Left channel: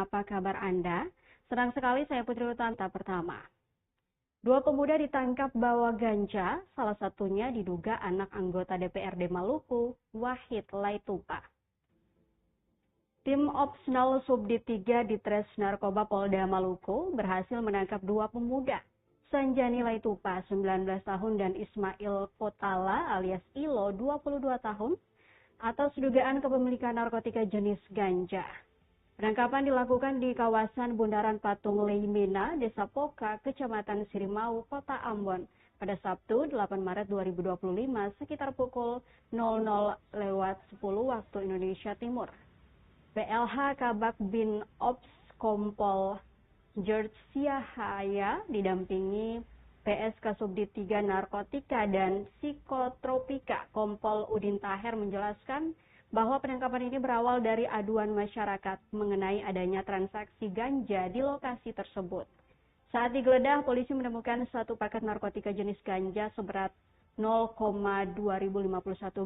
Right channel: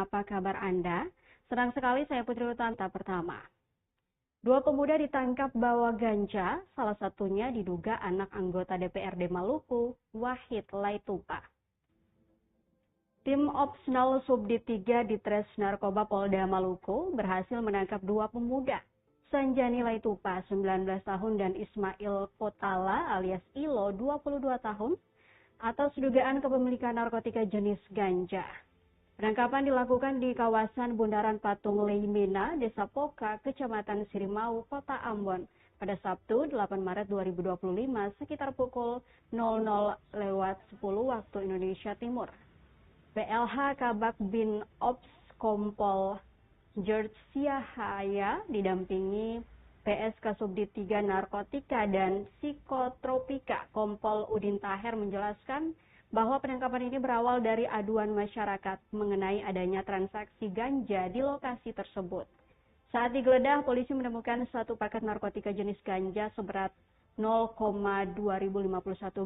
apa kabar Anda? Senang sekali saya Putri Utanta pertama. Dua pemuda ditangkap bawa ganja, salah satunya diduga anak anggota DPRD Maluku, Wahid Laitupa. Tim Ops 0 Subdit 3 Ditres Narkoba Polda Maluku berhasil menangkap dua pemuda, Sanjani Laitupa 19 tahun dan Ismail Potala alias Ilo 22 tahun, atas dugaan kepemilikan narkotika jenis ganja. Penangkapan dilakukan di kawasan Bundaran Patung Leimina, Desa Poka, Kecamatan Sirimau, Kota Ambon pada Sabtu 8 Maret 2025 sekitar pukul 00.10 waktu Indonesia Timur. PLH Kabak Bin Ops Kompol George Siahaya didampingi PSK Subdit 3 Narkotika dan Psikotropika Kompol Udin Taher menjelaskan bahwa penangkapan ini berawal dari aduan masyarakat mengenai adanya transaksi ganja di lokasi tersebut. Saat digeledah, polisi menemukan satu paket narkotika jenis ganja seberat 0,2051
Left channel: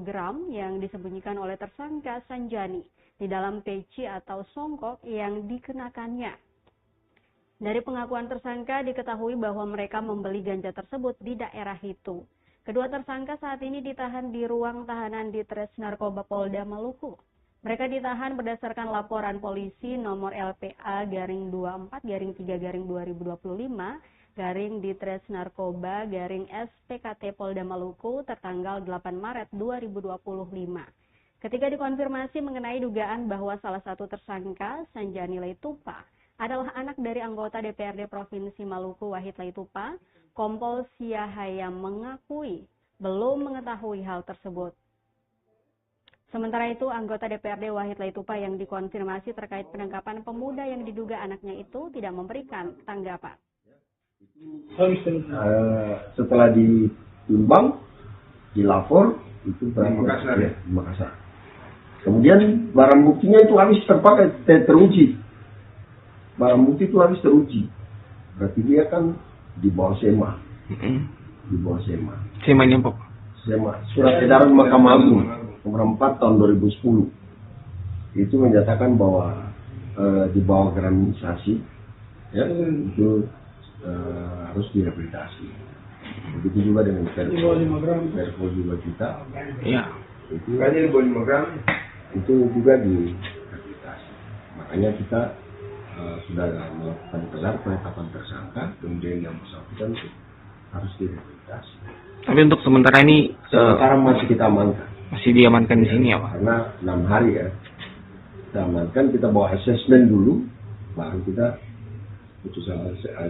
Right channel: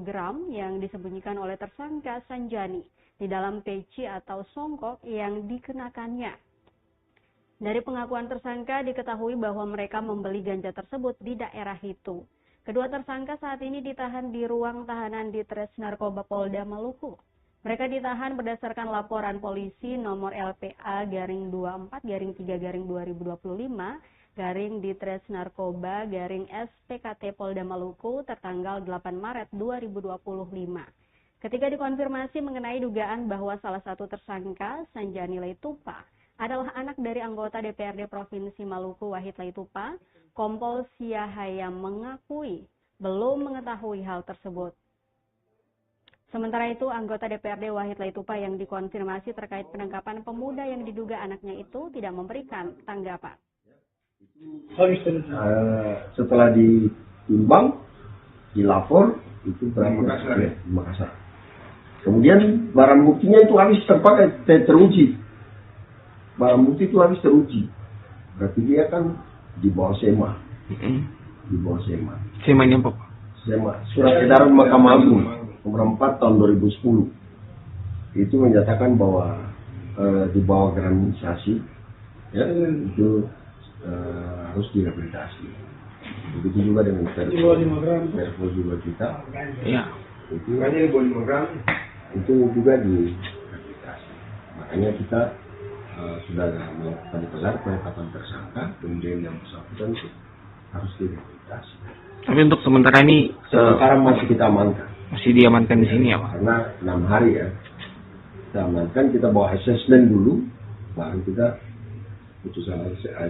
gram yang disembunyikan oleh tersangka Sanjani di dalam peci atau songkok yang dikenakannya. Dari pengakuan tersangka diketahui bahwa mereka membeli ganja tersebut di daerah itu. Kedua tersangka saat ini ditahan di ruang tahanan Ditres Narkoba Polda Maluku. Mereka ditahan berdasarkan laporan polisi nomor LPA-2-3-2025 Ditres Narkoba SPKT Polda Maluku tertanggal 8 Maret 2025. Ketika dikonfirmasi mengenai dugaan bahwa salah satu tersangka, Sanjani Laitupa, adalah anak dari anggota DPRD Provinsi Maluku Wahid Laitupa, Kompol Siahaya mengakui belum mengetahui hal tersebut. Sementara itu, anggota DPRD Wahid Laitupa yang dikonfirmasi terkait penangkapan pemuda yang diduga anaknya itu tidak memberikan tanggapan. Setelah ditimbang, dilapor, itu berapa? Makassar. Kemudian barang buktinya itu habis terpakai, teruji. Barang bukti itu habis teruji. Berarti dia kan di bawah SEMA. Di bawah SEMA. SEMA ini apa? SEMA. Surat edaran Mahkamah Agung nomor 4 tahun 2010. Itu menyatakan bahwa di bawah gramisasi ya, itu harus direhabilitasi. Begitu juga dengan Perpol juga kita. Ya. Itu juga direhabilitasi. Makanya kita sudah melakukan gelar penetapan tersangka, kemudian yang bersangkutan harus direhabilitasi. Tapi untuk sementara ini sekarang masih kita amankan. Masih diamankan di sini ya, Pak? Karena 6 hari ya. Kita amankan, kita bawa asesmen dulu, baru kita putusan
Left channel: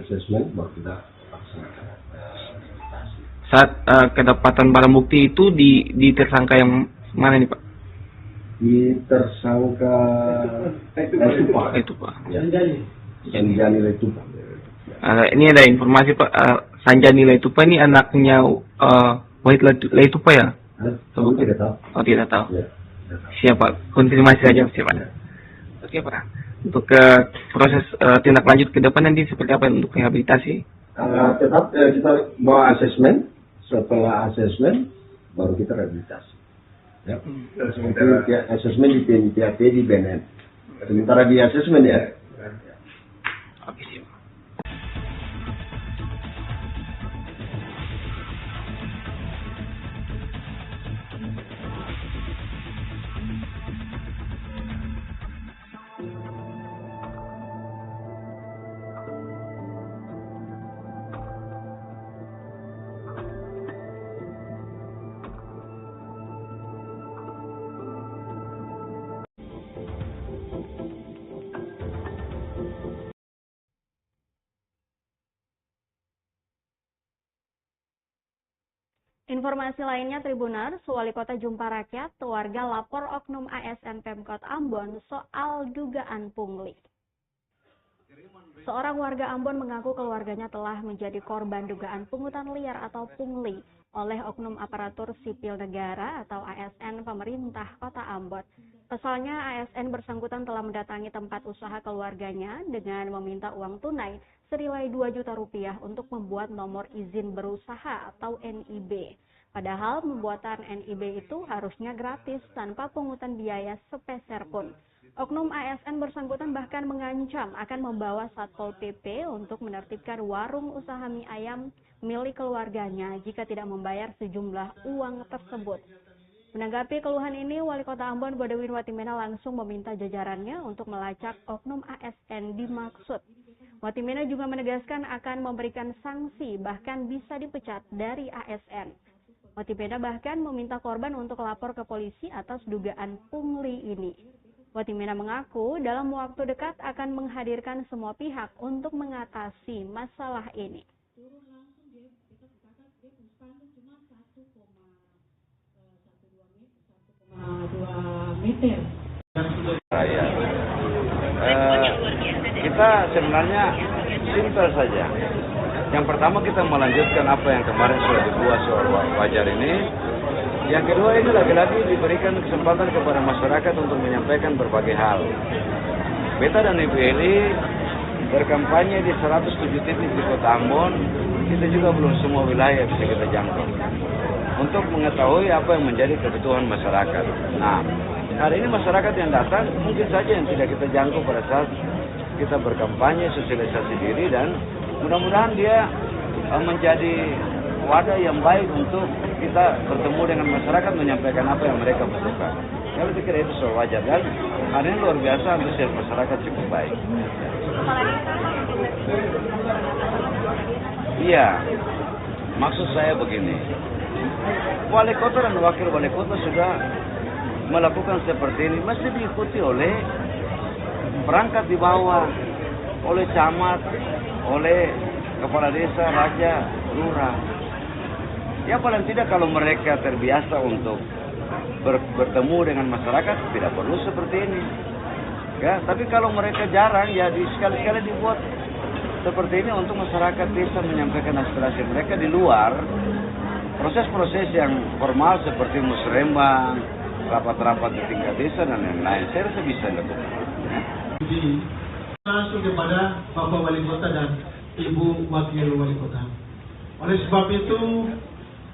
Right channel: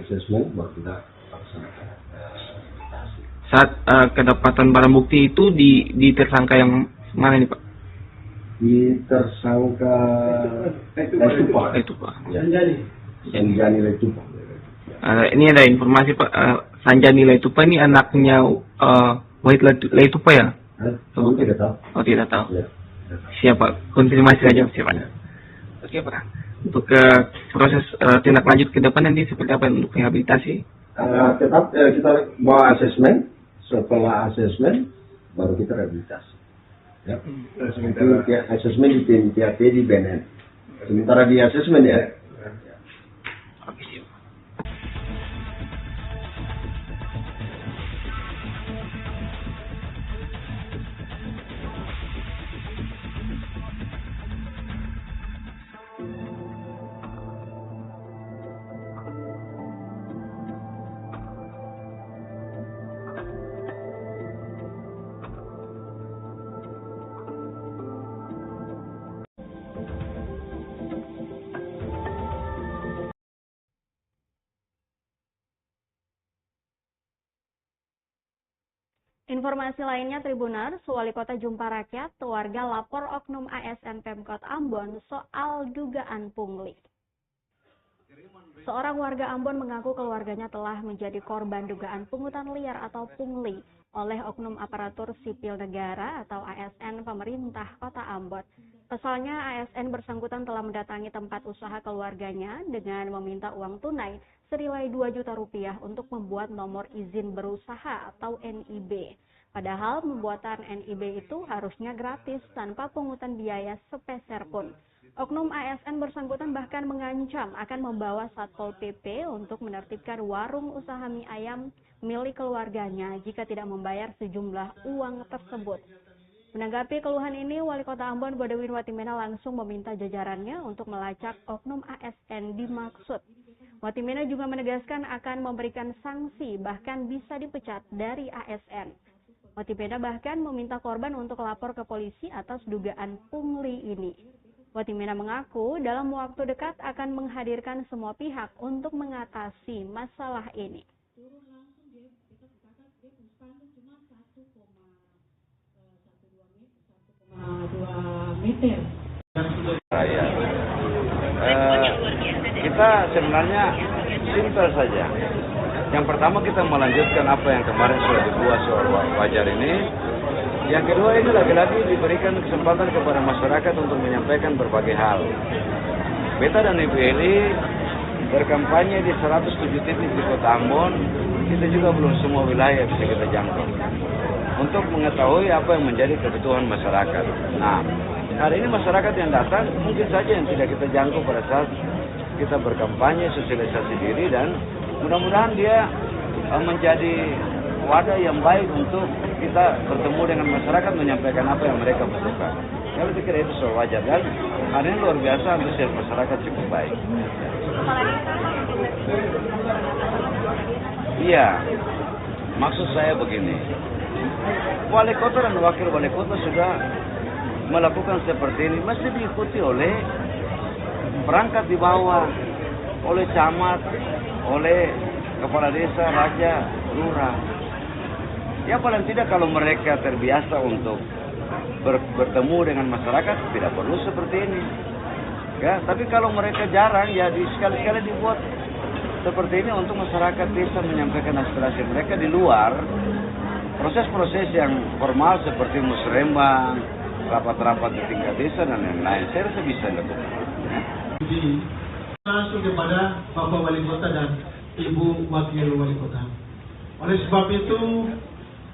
asesmen, baru kita laksanakan rehabilitasi. Saat kedapatan barang bukti itu di tersangka yang mana nih, Pak? Di tersangka Laitupa. Ya. Sanjani Laitupa. Ini ada informasi Pak, Sanjani Laitupa ini anaknya Wahid Laitupa ya? Kamu tidak tahu? Oh, tidak tahu. Ya. Siapa? Konfirmasi aja siapa? Oke Pak. Untuk proses tindak lanjut ke depan nanti seperti apa untuk rehabilitasi? Kita bawa asesmen. Setelah asesmen baru kita rehabilitasi. Ya. Sementara asesmen di TNPAP di BNN. Sementara di asesmen ya. Oke. Informasi lainnya Tribuners, Wali Kota Jumpa Rakyat, warga lapor oknum ASN Pemkot Ambon soal dugaan pungli. Seorang warga Ambon mengaku keluarganya telah menjadi korban dugaan pungutan liar atau pungli oleh oknum aparatur sipil negara atau ASN pemerintah Kota Ambon. Pasalnya ASN bersangkutan telah mendatangi tempat usaha keluarganya dengan meminta uang tunai senilai 2 juta rupiah untuk membuat nomor izin berusaha atau NIB. Padahal pembuatan NIB itu harusnya gratis tanpa pungutan biaya sepeser pun. Oknum ASN bersangkutan bahkan mengancam akan membawa Satpol PP untuk menertibkan warung usaha mie ayam milik keluarganya jika tidak membayar sejumlah uang tersebut. Menanggapi keluhan ini, Wali Kota Ambon Godewin Watimena langsung meminta jajarannya untuk melacak oknum ASN dimaksud. Watimena juga menegaskan akan memberikan sanksi, bahkan bisa dipecat dari ASN. Watimena bahkan meminta korban untuk lapor ke polisi atas dugaan pungli ini. Watimena mengaku dalam waktu dekat akan menghadirkan semua pihak untuk mengatasi masalah ini. Kita sebenarnya simpel saja. Yang pertama kita melanjutkan apa yang kemarin sudah dibuat soal wajar ini. Yang kedua ini lagi-lagi diberikan kesempatan kepada masyarakat untuk menyampaikan berbagai hal. Beta dan Ibu Eli berkampanye di 107 titik di Kota Ambon, itu juga belum semua wilayah bisa kita jangkau. Untuk mengetahui apa yang menjadi kebutuhan masyarakat. Nah, hari ini masyarakat yang datang mungkin saja yang tidak kita jangkau pada saat kita berkampanye, sosialisasi diri, dan mudah-mudahan dia menjadi wadah yang baik untuk kita bertemu dengan masyarakat menyampaikan apa yang mereka butuhkan. Saya pikir itu soal wajar, dan hari ini luar biasa antusias masyarakat cukup baik. Iya, maksud saya begini, wali kota dan wakil wali kota sudah melakukan seperti ini, mesti diikuti oleh perangkat di bawah, oleh camat, oleh kepala desa, raja, lurah. Ya paling tidak kalau mereka terbiasa untuk bertemu dengan masyarakat, tidak perlu seperti ini. Ya, tapi kalau mereka jarang, ya sekali-kali dibuat seperti ini untuk masyarakat bisa menyampaikan aspirasi mereka di luar proses-proses yang formal seperti musrembang, rapat-rapat di tingkat desa dan lain-lain. Saya rasa bisa dilakukan. Langsung kepada Bapak Wali Kota dan Ibu Wakil Wali Kota. Oleh sebab itu,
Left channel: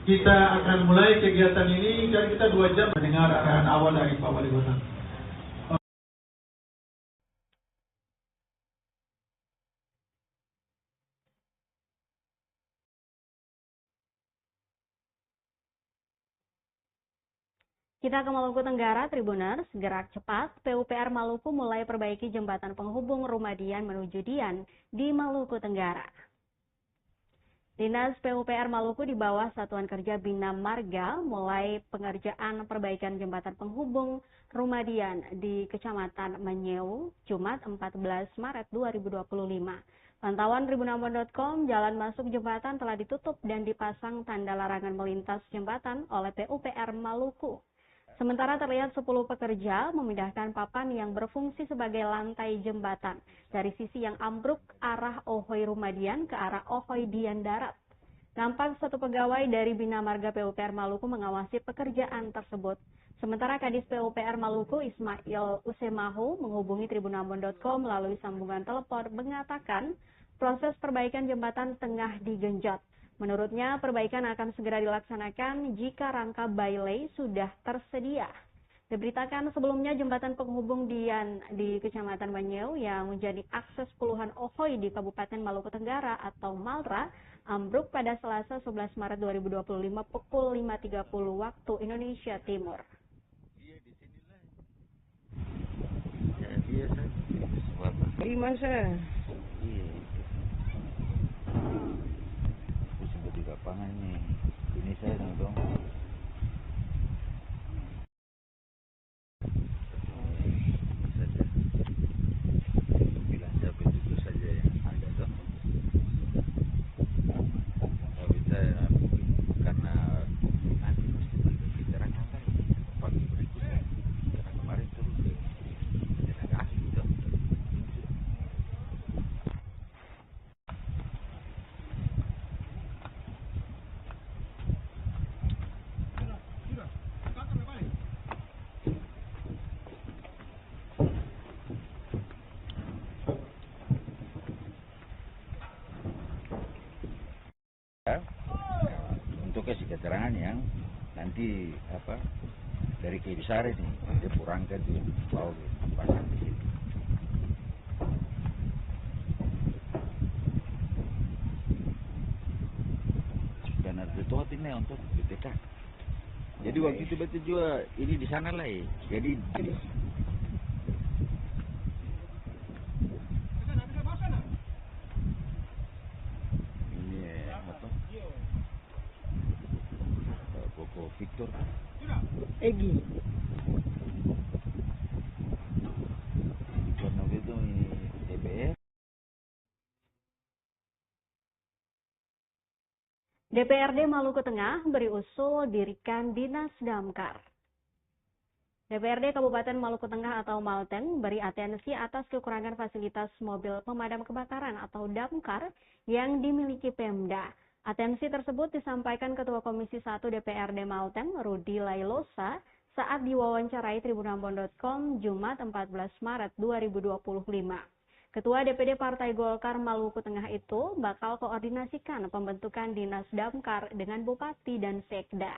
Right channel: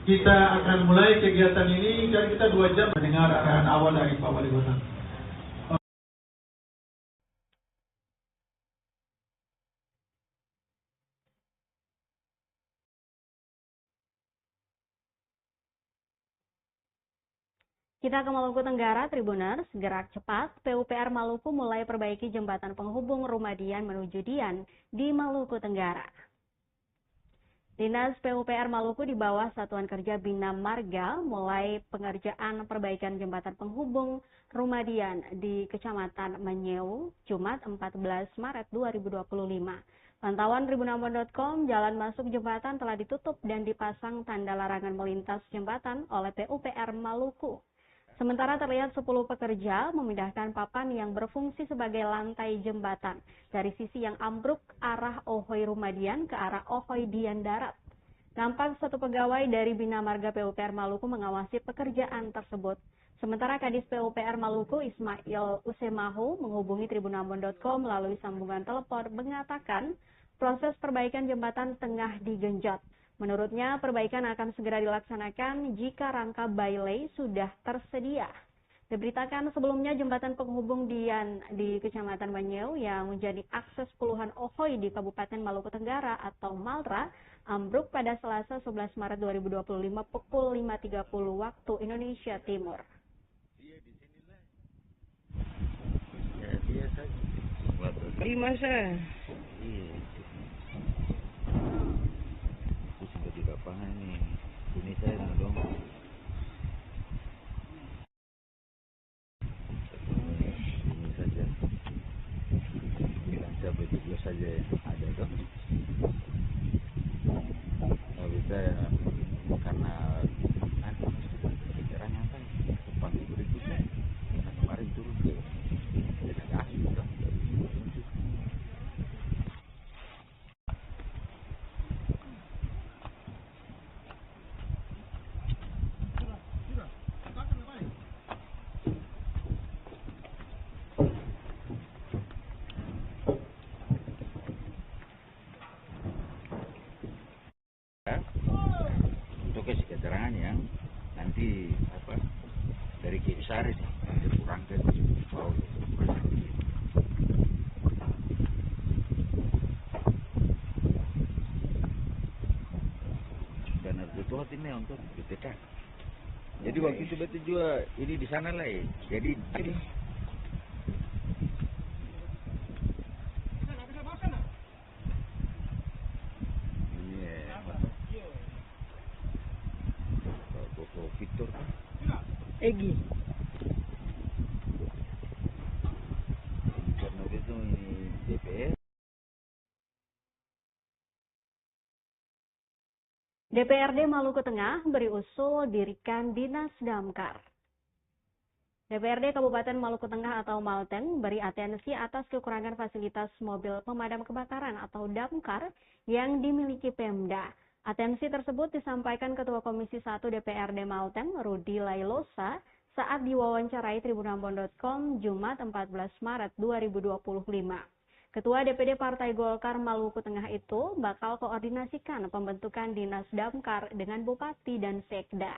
kita akan mulai kegiatan ini dan kita 2 jam mendengar arahan awal dari Pak Wali Kota. Kita ke Maluku Tenggara, Tribuners. Gerak cepat, PUPR Maluku mulai perbaiki jembatan penghubung Rumah Dian menuju Dian di Maluku Tenggara. Dinas PUPR Maluku di bawah Satuan Kerja Bina Marga mulai pengerjaan perbaikan jembatan penghubung Rumah Dian di Kecamatan Menyeu, Jumat 14 Maret 2025. Pantauan tribunambon.com, jalan masuk jembatan telah ditutup dan dipasang tanda larangan melintas jembatan oleh PUPR Maluku. Sementara terlihat 10 pekerja memindahkan papan yang berfungsi sebagai lantai jembatan dari sisi yang ambruk arah Ohoy Rumadian ke arah Ohoy Dian Darat. Nampak satu pegawai dari Bina Marga PUPR Maluku mengawasi pekerjaan tersebut. Sementara Kadis PUPR Maluku Ismail Usemahu menghubungi tribunambon.com melalui sambungan telepon mengatakan proses perbaikan jembatan tengah digenjot. Menurutnya, perbaikan akan segera dilaksanakan jika rangka bailey sudah tersedia. Diberitakan sebelumnya jembatan penghubung Dian di Kecamatan Menyeu yang menjadi akses puluhan Ohoy di Kabupaten Maluku Tenggara atau Malra ambruk pada Selasa 11 Maret 2025 pukul 5.30 waktu Indonesia Timur. Di masa ini saya langsung ini saja yang saya begitu saja ada kan bisa karena pikiran apa kondisi kita harus turun ke destinasi dan untuk kasih keterangan yang nanti apa dari Kiri Sari dikurangkan di bawah hanya untuk BPK. Jadi waktu tiba-tiba ini di sana lain. Jadi Koko Victor Egi. kemudian itu DPR. DPRD Maluku Tengah beri usul dirikan Dinas Damkar. DPRD Kabupaten Maluku Tengah atau Malteng beri atensi atas kekurangan fasilitas mobil pemadam kebakaran atau damkar yang dimiliki Pemda. Atensi tersebut disampaikan Ketua Komisi 1 DPRD Malteng, Rudi Lailosa, saat diwawancarai tribunambon.com Jumat 14 Maret 2025. Ketua DPD Partai Golkar Maluku Tengah itu bakal koordinasikan pembentukan Dinas Damkar dengan Bupati dan Sekda.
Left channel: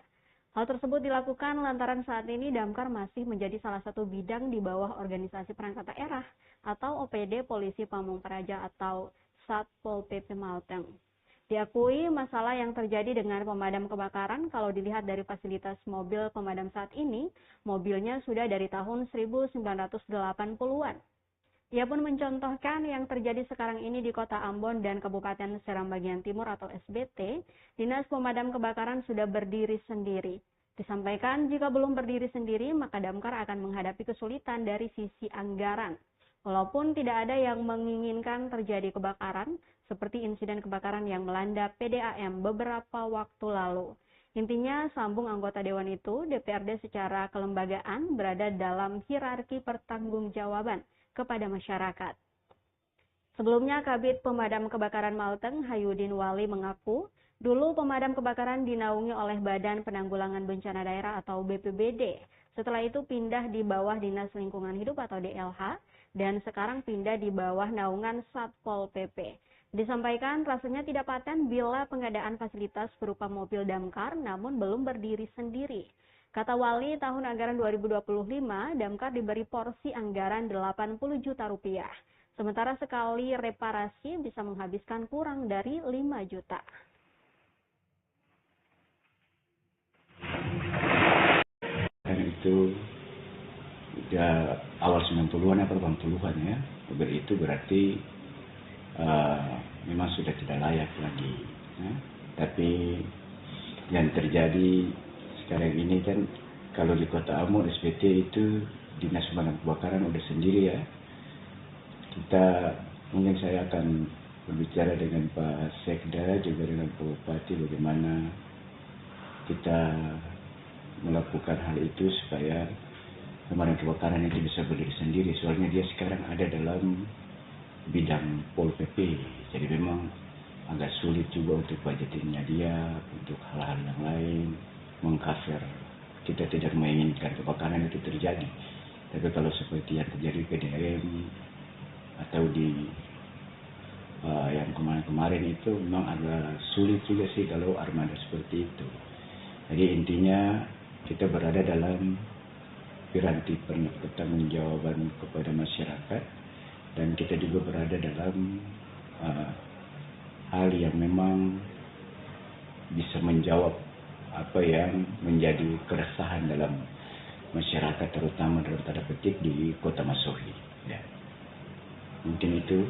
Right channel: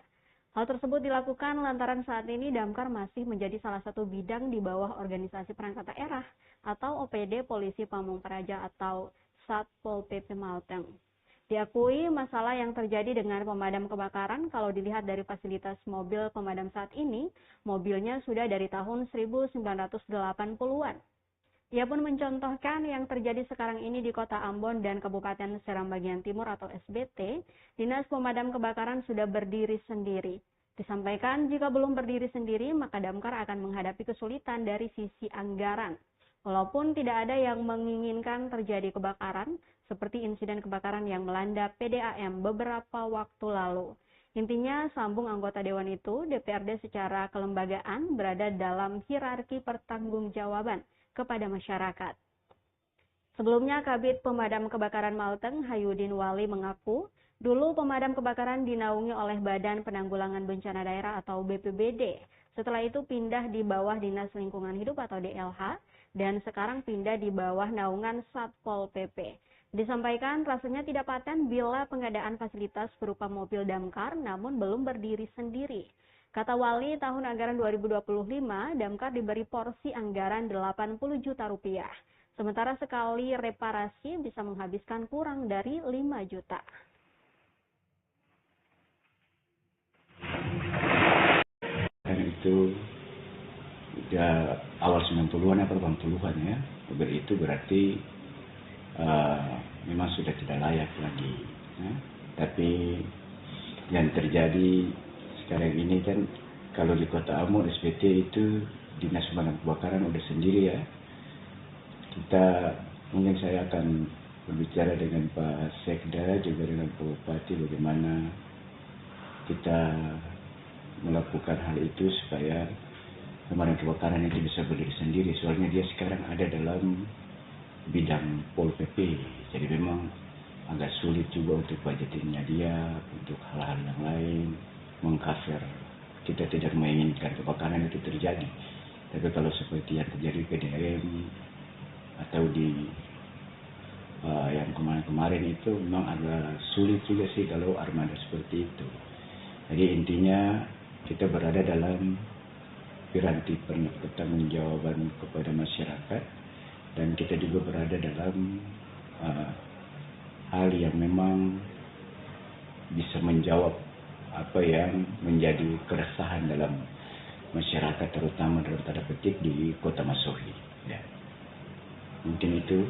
Hal tersebut dilakukan lantaran saat ini Damkar masih menjadi salah satu bidang di bawah Organisasi Perangkat Daerah atau OPD Polisi Pamung Praja atau Satpol PP Malteng. Diakui masalah yang terjadi dengan pemadam kebakaran kalau dilihat dari fasilitas mobil pemadam saat ini, mobilnya sudah dari tahun 1980-an. Ia pun mencontohkan yang terjadi sekarang ini di Kota Ambon dan Kabupaten Seram Bagian Timur atau SBT, Dinas Pemadam Kebakaran sudah berdiri sendiri. Disampaikan jika belum berdiri sendiri, maka Damkar akan menghadapi kesulitan dari sisi anggaran. Walaupun tidak ada yang menginginkan terjadi kebakaran, seperti insiden kebakaran yang melanda PDAM beberapa waktu lalu. Intinya, sambung anggota Dewan itu, DPRD secara kelembagaan berada dalam hierarki pertanggungjawaban kepada masyarakat. Sebelumnya, Kabid Pemadam Kebakaran Malteng, Hayudin Wali mengaku, dulu pemadam kebakaran dinaungi oleh Badan Penanggulangan Bencana Daerah atau BPBD. Setelah itu pindah di bawah Dinas Lingkungan Hidup atau DLH, dan sekarang pindah di bawah naungan Satpol PP. Disampaikan rasanya tidak paten bila pengadaan fasilitas berupa mobil damkar namun belum berdiri sendiri. Kata Wali, tahun anggaran 2025, Damkar diberi porsi anggaran 80 juta rupiah. Sementara sekali reparasi bisa menghabiskan kurang dari 5 juta. Dan itu udah awal 90-an atau 80-an ya. Itu berarti memang sudah tidak layak lagi. Ya. Tapi yang terjadi sekarang ini kan kalau di Kota Ambon SPT itu Dinas Pemadam Kebakaran udah sendiri ya. Mungkin saya akan berbicara dengan Pak Sekda juga dengan Pak Bupati bagaimana kita melakukan hal itu supaya pemadam kebakaran itu bisa berdiri sendiri. Soalnya dia sekarang ada dalam bidang Pol PP. Jadi memang agak sulit juga untuk budgetingnya dia, untuk hal-hal yang lain. Mengcover. Kita tidak menginginkan kebakaran itu terjadi. Tapi kalau seperti yang terjadi di PDAM atau di yang kemarin-kemarin itu memang agak sulit juga sih kalau armada seperti itu. Jadi intinya kita berada dalam piranti pertanggungjawaban kepada masyarakat dan kita juga berada dalam hal yang memang bisa menjawab apa yang menjadi keresahan dalam masyarakat terutama dalam tanda petik di Kota Masohi. Ya. Mungkin itu.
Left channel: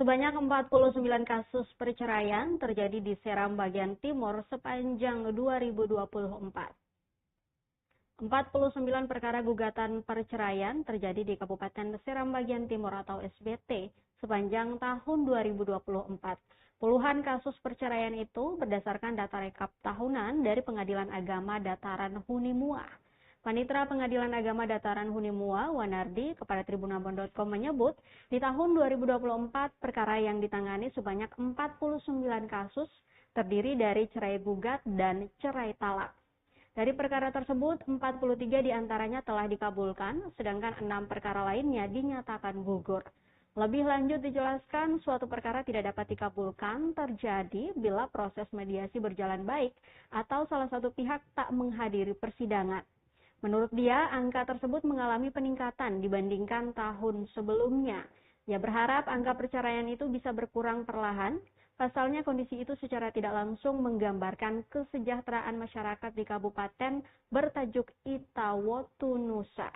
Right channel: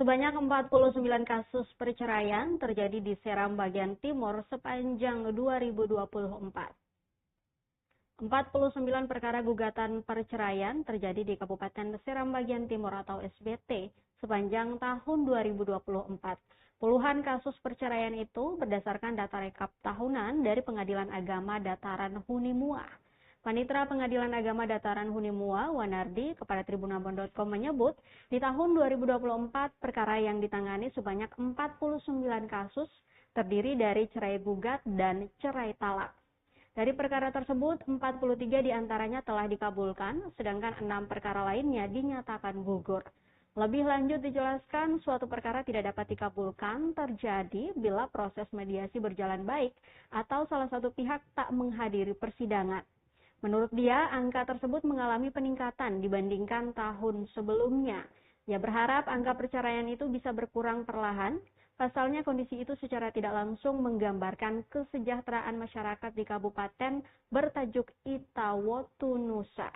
Sebanyak 49 kasus perceraian terjadi di Seram bagian timur sepanjang 2024. 49 perkara gugatan perceraian terjadi di Kabupaten Seram bagian timur atau SBT sepanjang tahun 2024. Puluhan kasus perceraian itu berdasarkan data rekap tahunan dari Pengadilan Agama Dataran Hunimua. Panitera Pengadilan Agama Dataran Hunimua, Wanardi, kepada tribunabon.com menyebut, di tahun 2024 perkara yang ditangani sebanyak 49 kasus terdiri dari cerai gugat dan cerai talak. Dari perkara tersebut, 43 diantaranya telah dikabulkan, sedangkan 6 perkara lainnya dinyatakan gugur. Lebih lanjut dijelaskan, suatu perkara tidak dapat dikabulkan terjadi bila proses mediasi berjalan baik atau salah satu pihak tak menghadiri persidangan. Menurut dia, angka tersebut mengalami peningkatan dibandingkan tahun sebelumnya. Ia berharap angka perceraian itu bisa berkurang perlahan. Pasalnya kondisi itu secara tidak langsung menggambarkan kesejahteraan masyarakat di kabupaten bertajuk Itawotu Nusa.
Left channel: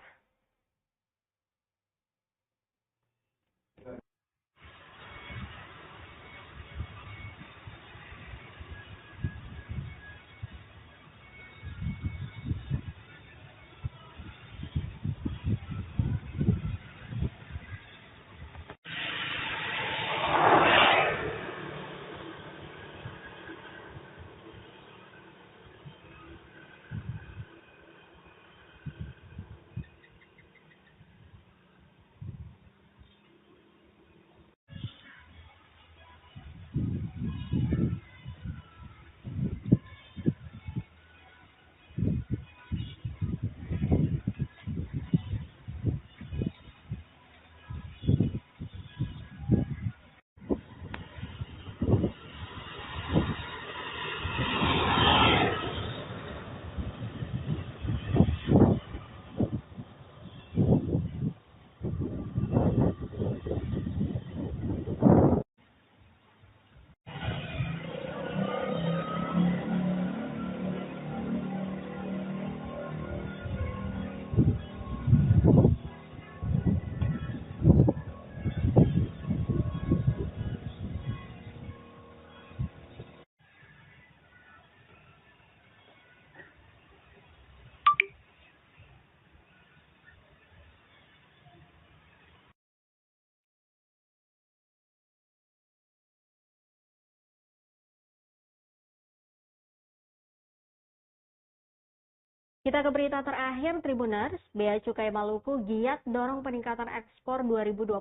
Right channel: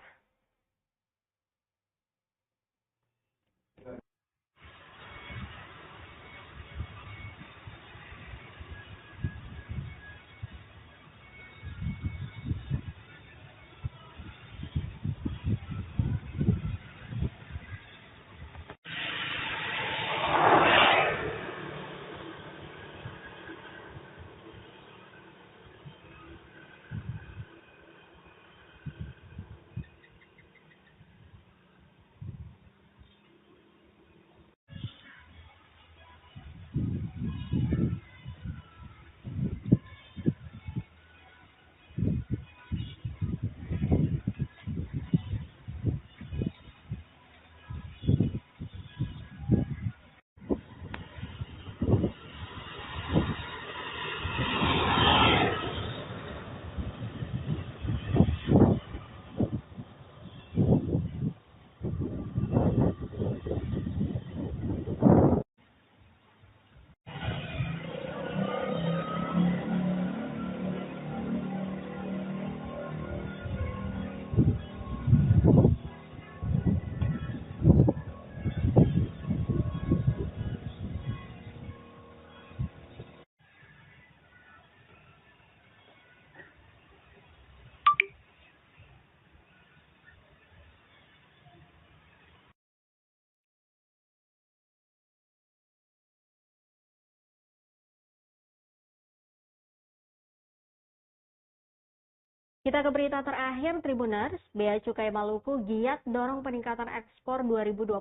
Kita ke berita terakhir, Tribuners. Bea Cukai Maluku giat dorong peningkatan ekspor 2025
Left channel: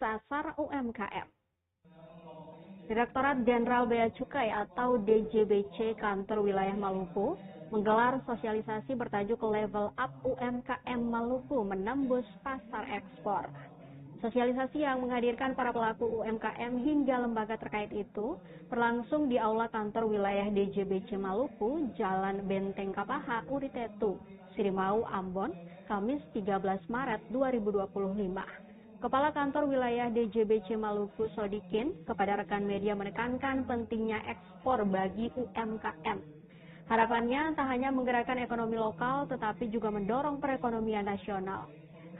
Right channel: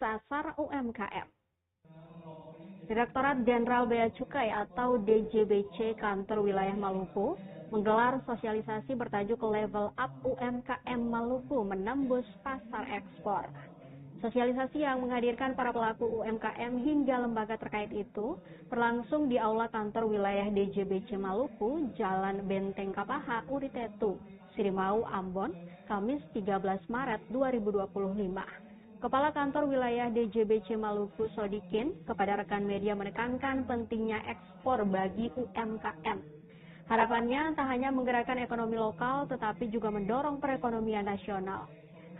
sasar UMKM. Direktorat Jenderal Bea Cukai atau DJBC Kantor Wilayah Maluku menggelar sosialisasi bertajuk Level Up UMKM Maluku menembus pasar ekspor. Sosialisasi yang menghadirkan para pelaku UMKM hingga lembaga terkait itu berlangsung di Aula Kantor Wilayah DJBC Maluku, Jalan Benteng Kapaha, Uritetu, Sirimau, Ambon, Kamis 13 Maret 2025. Kepala Kantor Wilayah DJBC Maluku, Sodikin, kepada rekan media menekankan pentingnya ekspor bagi UMKM. Harapannya tak hanya menggerakkan ekonomi lokal, tetapi juga mendorong perekonomian nasional.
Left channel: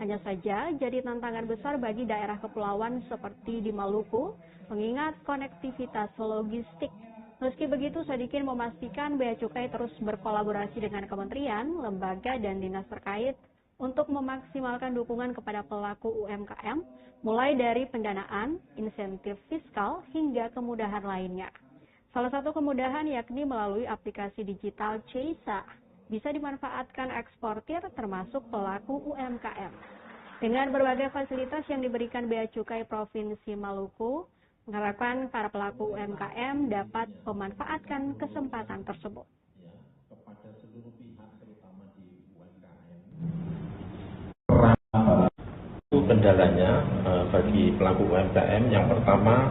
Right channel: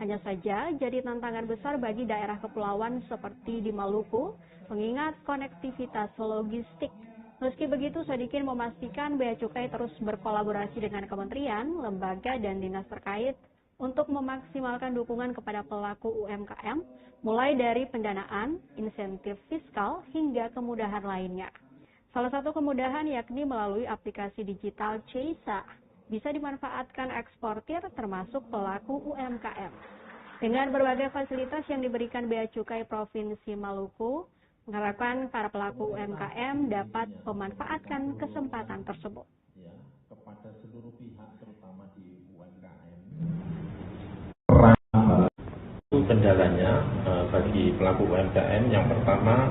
Hanya saja jadi tantangan besar bagi daerah kepulauan seperti di Maluku, mengingat konektivitas logistik. Meski begitu, Sodikin memastikan Bea Cukai terus berkolaborasi dengan kementerian, lembaga, dan dinas terkait untuk memaksimalkan dukungan kepada pelaku UMKM, mulai dari pendanaan, insentif fiskal, hingga kemudahan lainnya. Salah satu kemudahan yakni melalui aplikasi digital CEISA, bisa dimanfaatkan eksportir termasuk pelaku UMKM. Dengan berbagai fasilitas yang diberikan Bea Cukai Provinsi Maluku, mengharapkan para pelaku UMKM dapat memanfaatkan kesempatan tersebut. Kendalanya bagi pelaku UMKM yang pertama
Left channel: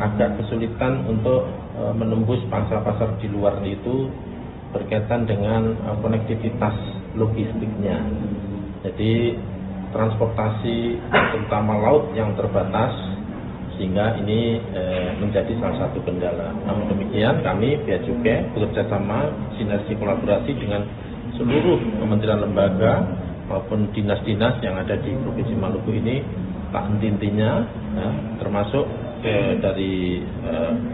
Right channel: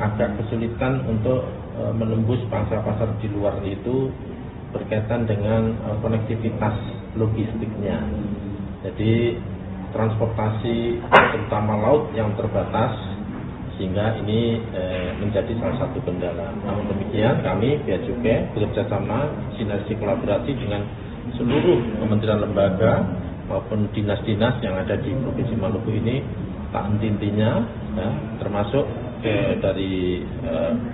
agak kesulitan untuk menembus pasar-pasar di luar itu berkaitan dengan konektivitas logistiknya. Jadi transportasi terutama laut yang terbatas sehingga ini menjadi salah satu kendala. Namun demikian kami Bea Cukai bekerjasama sinergi kolaborasi dengan seluruh kementerian lembaga maupun dinas-dinas yang ada di Provinsi Maluku ini tak henti-hentinya ya, termasuk dari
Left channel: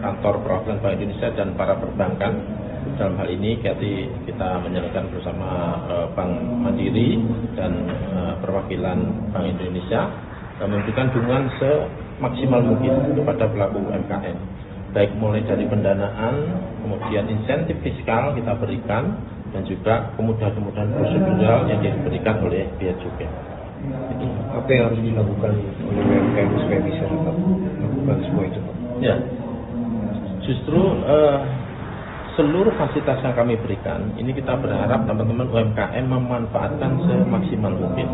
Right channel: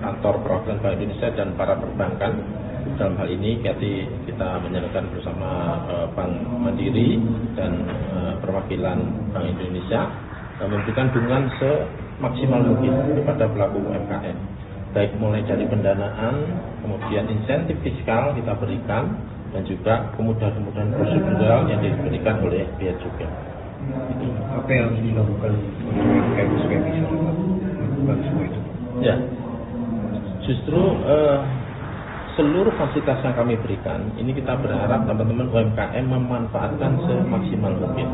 kantor perwakilan Bank Indonesia dan para perbankan. Dalam hal ini kita menjalankan bersama Bank Mandiri dan perwakilan Bank Indonesia memberikan dukungan semaksimal mungkin kepada pelaku UMKM. Baik mulai dari pendanaan, kemudian insentif fiskal kita berikan, dan juga kemudahan-kemudahan prosedural yang diberikan oleh Bea Cukai. Apa yang harus dilakukan oleh UMKM supaya bisa melakukan semua itu? Ya, justru seluruh fasilitas yang kami berikan, ini kita berharap teman-teman UMKM memanfaatkan semaksimal mungkin.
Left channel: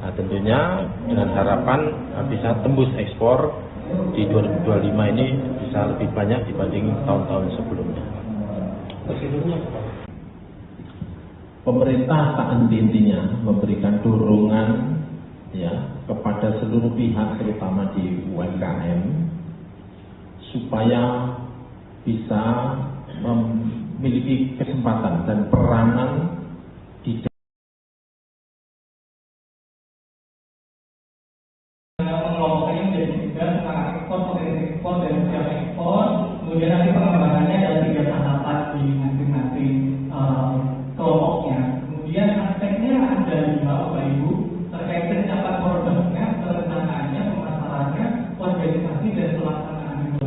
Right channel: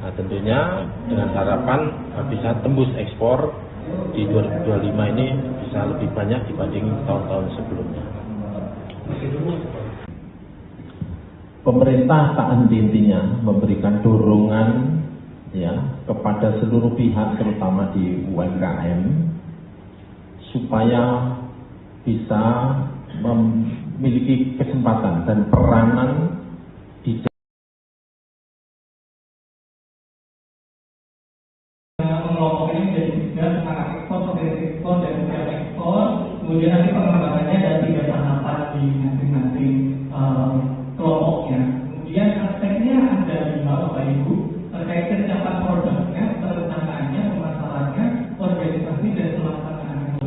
Nah, tentunya dengan harapan bisa tembus ekspor di 2025 ini bisa lebih banyak dibanding tahun-tahun sebelumnya. Pemerintah saat intinya memberikan dorongan ya kepada seluruh pihak, terutama di UMKM, supaya bisa memiliki kesempatan dan peranan di mengelompoknya menjadi tiga, sekarang ekspor, potensi ekspor, dan usaha ekspor. Kemudian nanti pengembangannya dan tiga tahapan di masing-masing kelompoknya. Kemudian aspeknya ada 5 Bapak Ibu, terkait pencapai produknya, perencanaannya, pemasarannya, organisasi dan pelaksanaannya.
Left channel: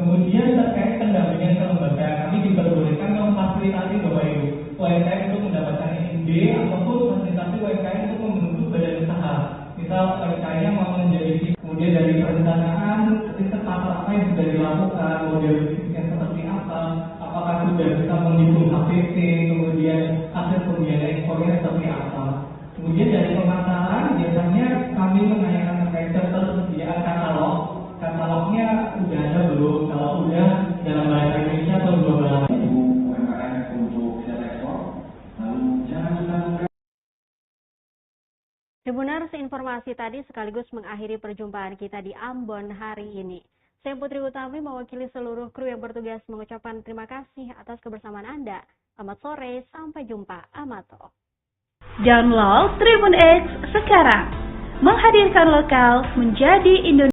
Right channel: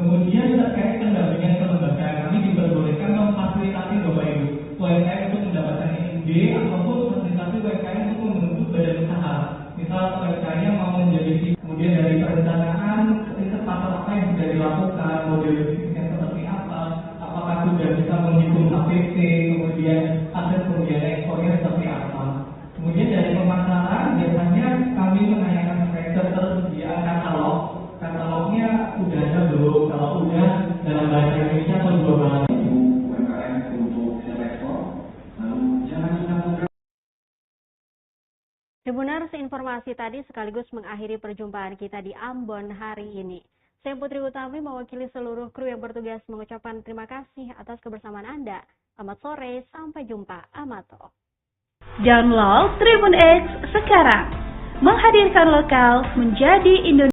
Kemudian terkait pendampingan kelembagaan, kami diperbolehkan memfasilitasi Bapak Ibu UMKM untuk mendapatkan ide ataupun fasilitasi UMKM untuk membentuk badan usaha. Misal UMKM mau menjadi, kemudian dari perencanaan interface apa yang sudah dilakukan, model bisnisnya seperti apa, apakah sudah bisa menghitung APC, kemudian hasil pembiayaan ekspornya seperti apa. Kemudian dari pemasaran biasanya kami menanyakan terkait ketersediaan katalognya sudah ada belum, kalau udah dalam bahasa Indonesia atau global. Tribuners, informasi tadi sekaligus mengakhiri perjumpaan kita di Ambon hari ini. Saya Putri Utami mewakili seluruh kru yang bertugas mengucapkan terima kasih atas kebersamaan Anda. Selamat sore, sampai jumpa. Amato. Download Tribun X sekarang. Menghadirkan lokal menjadi Indonesia.